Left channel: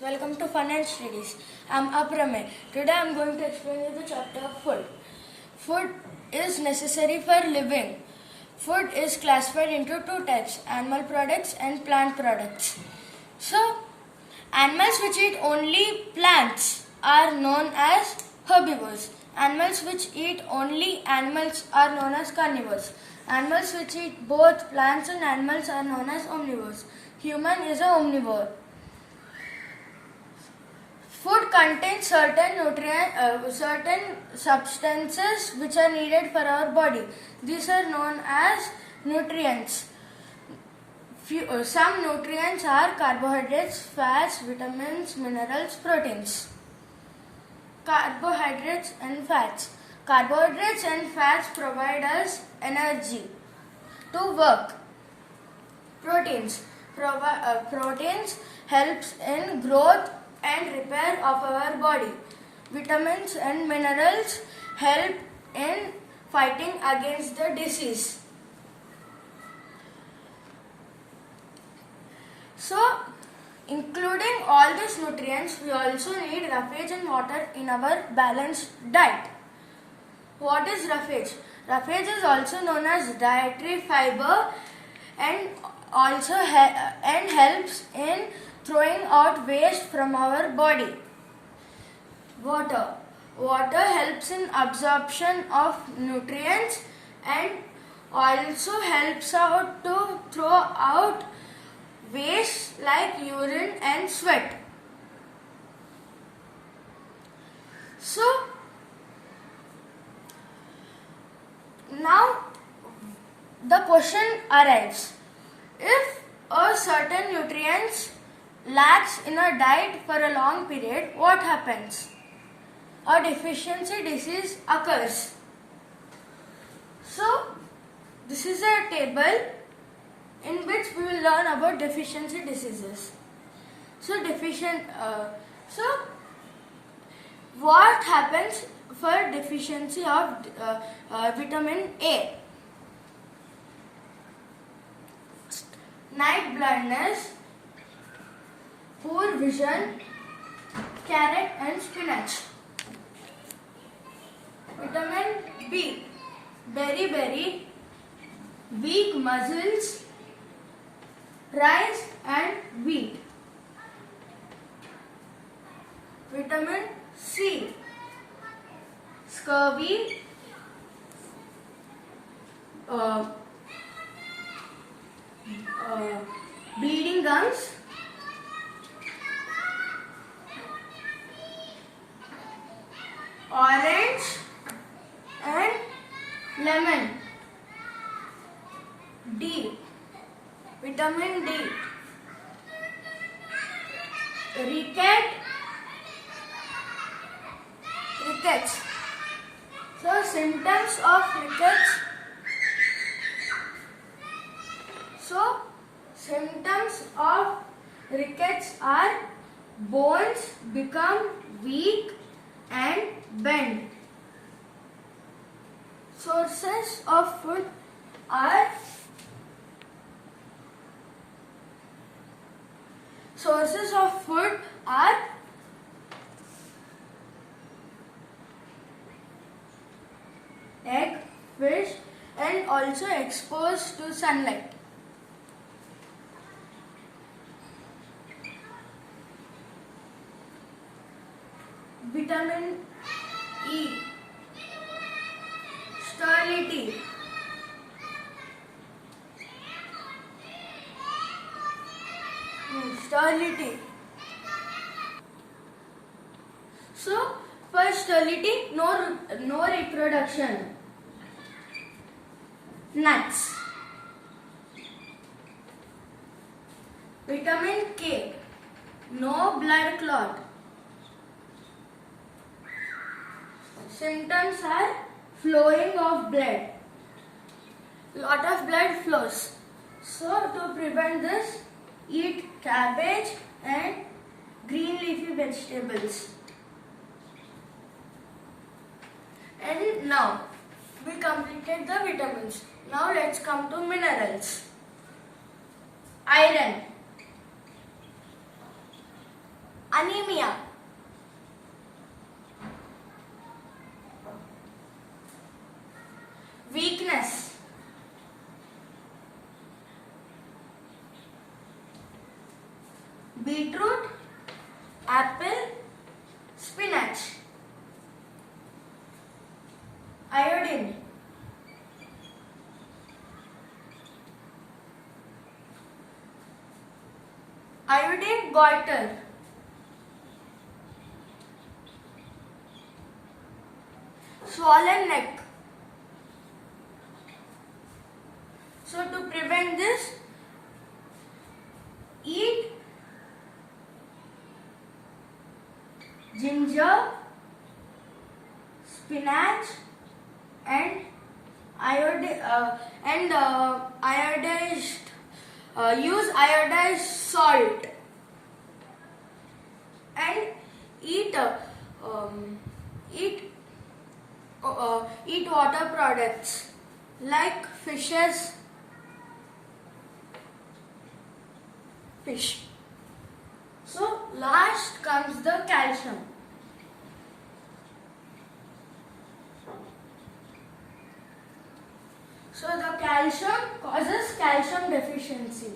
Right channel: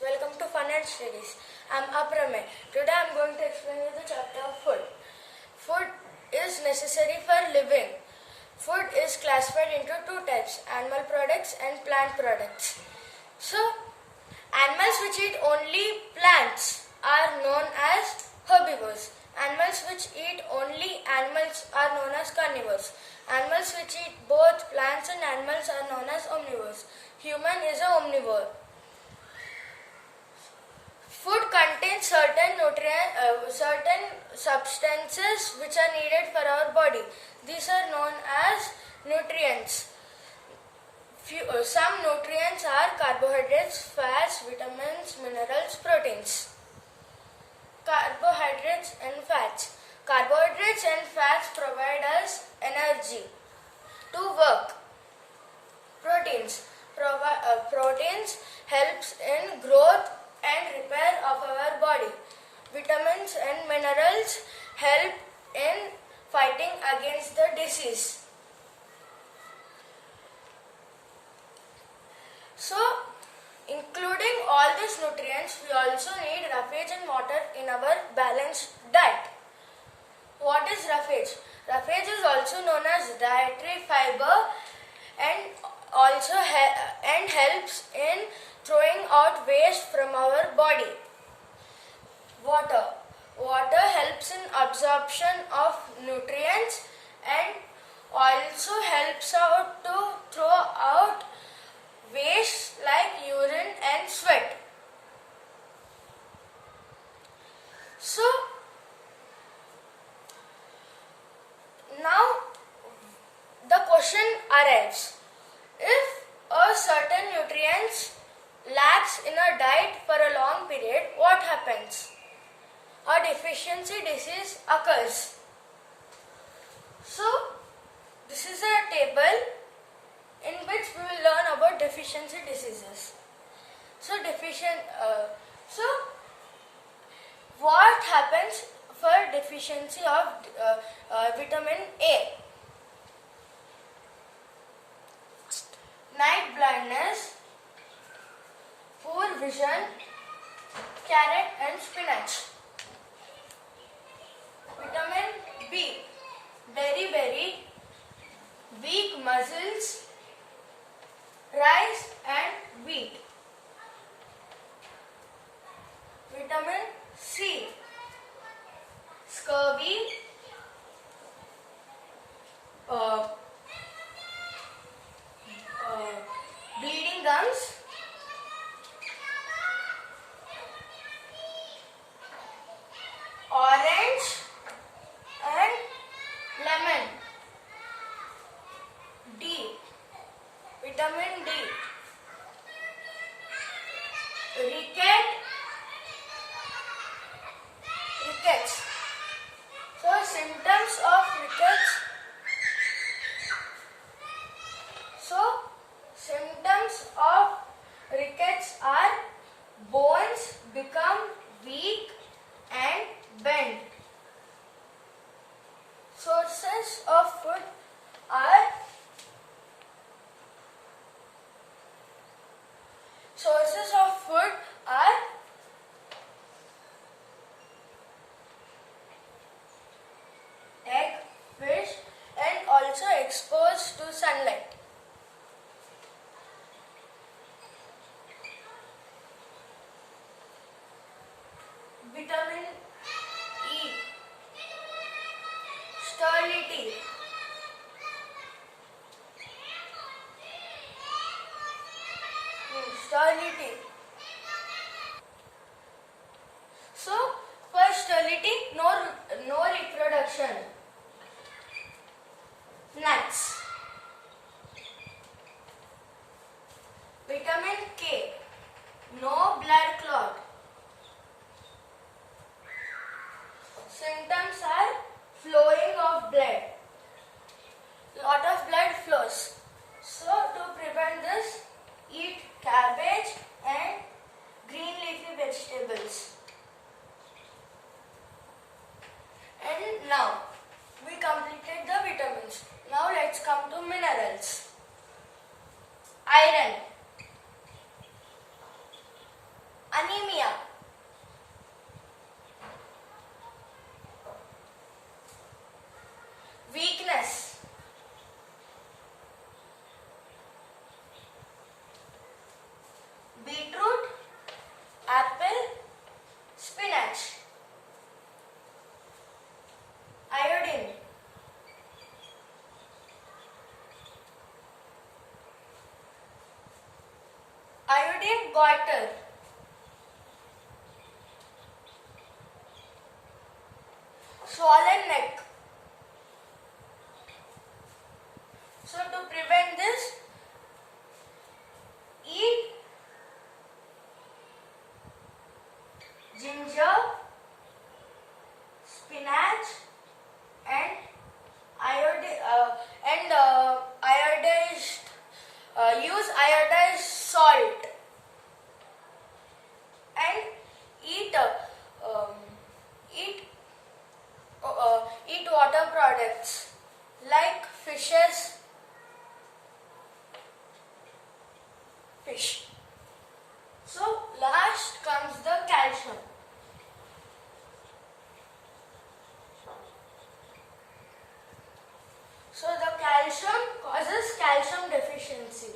Welcome to Fun and Studies. I'm Aprame. Today I'm going to explain you the chapter of food. Food is necessary for living. Food is classified into two types, animal products and plant products. So, animals which eat only plants are known as herbivores. Animals which eat only animals are known as carnivores. Animals which eat both plants and animals are known as omnivores. Human is an omnivore. Food contains certain substances which are needed for our body. These are known as nutrients. Some nutrients are carbohydrates, fats, vitamins, minerals, proteins. Carbohydrates and fats. Carbohydrates and fats provide us energy to work. Proteins. Proteins helps in growth and repair of our body. Vitamins and minerals help in fighting against the disease. So, including all these nutrients, we also need roughage and water in our balanced diet. What is roughage? Roughage is also known as dietary fiber and also helps in throwing out waste from our body. Water. Water helps in absorption of nutrients and also helps out to throw out waste like urine and sweat. So, now the question arrives. If a certain nutrients lacks in a diet for a long period, what happens? A deficiency disease occurs. So, this is a table in which we will learn about deficiency diseases. So, what happens for deficiency of vitamin A? Night blindness, poor vision, carrot and spinach. Vitamin B, berry, weak muscles, rice and wheat. Vitamin C, scurvy, bleeding gums, orange and lemon. D, vitamin D, rickets. So symptoms of rickets. Symptoms of rickets are bones become weak and bend. Sources of food are egg, fish and also exposed to sunlight. Vitamin E, sterility. So, for sterility, no reproduction. Nuts. Vitamin K, no blood clot. Symptoms are flowing of blood. Lot of blood flows. So to prevent this, eat cabbage and green leafy vegetables. And now we completed the vitamins. Now let's come to minerals. Iron. anemia, weakness, beetroot, apple, spinach, iodine, iodine goiter, swollen neck. So to prevent this, eat ginger, spinach, and iodized. Use iodized salt and eat eat eat water products like fish. So last comes the calcium. So the calcium causes calcium deficiency.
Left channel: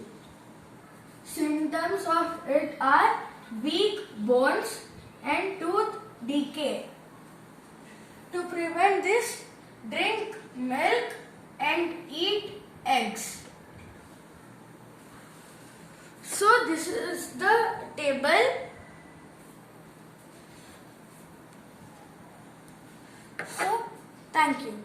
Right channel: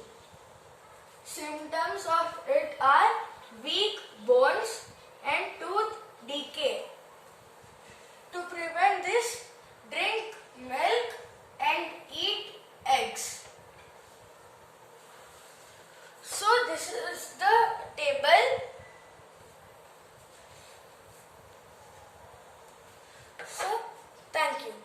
Symptoms of it are weak bones and tooth decay. To prevent this, drink milk and eat eggs. So this is the table. So thank you.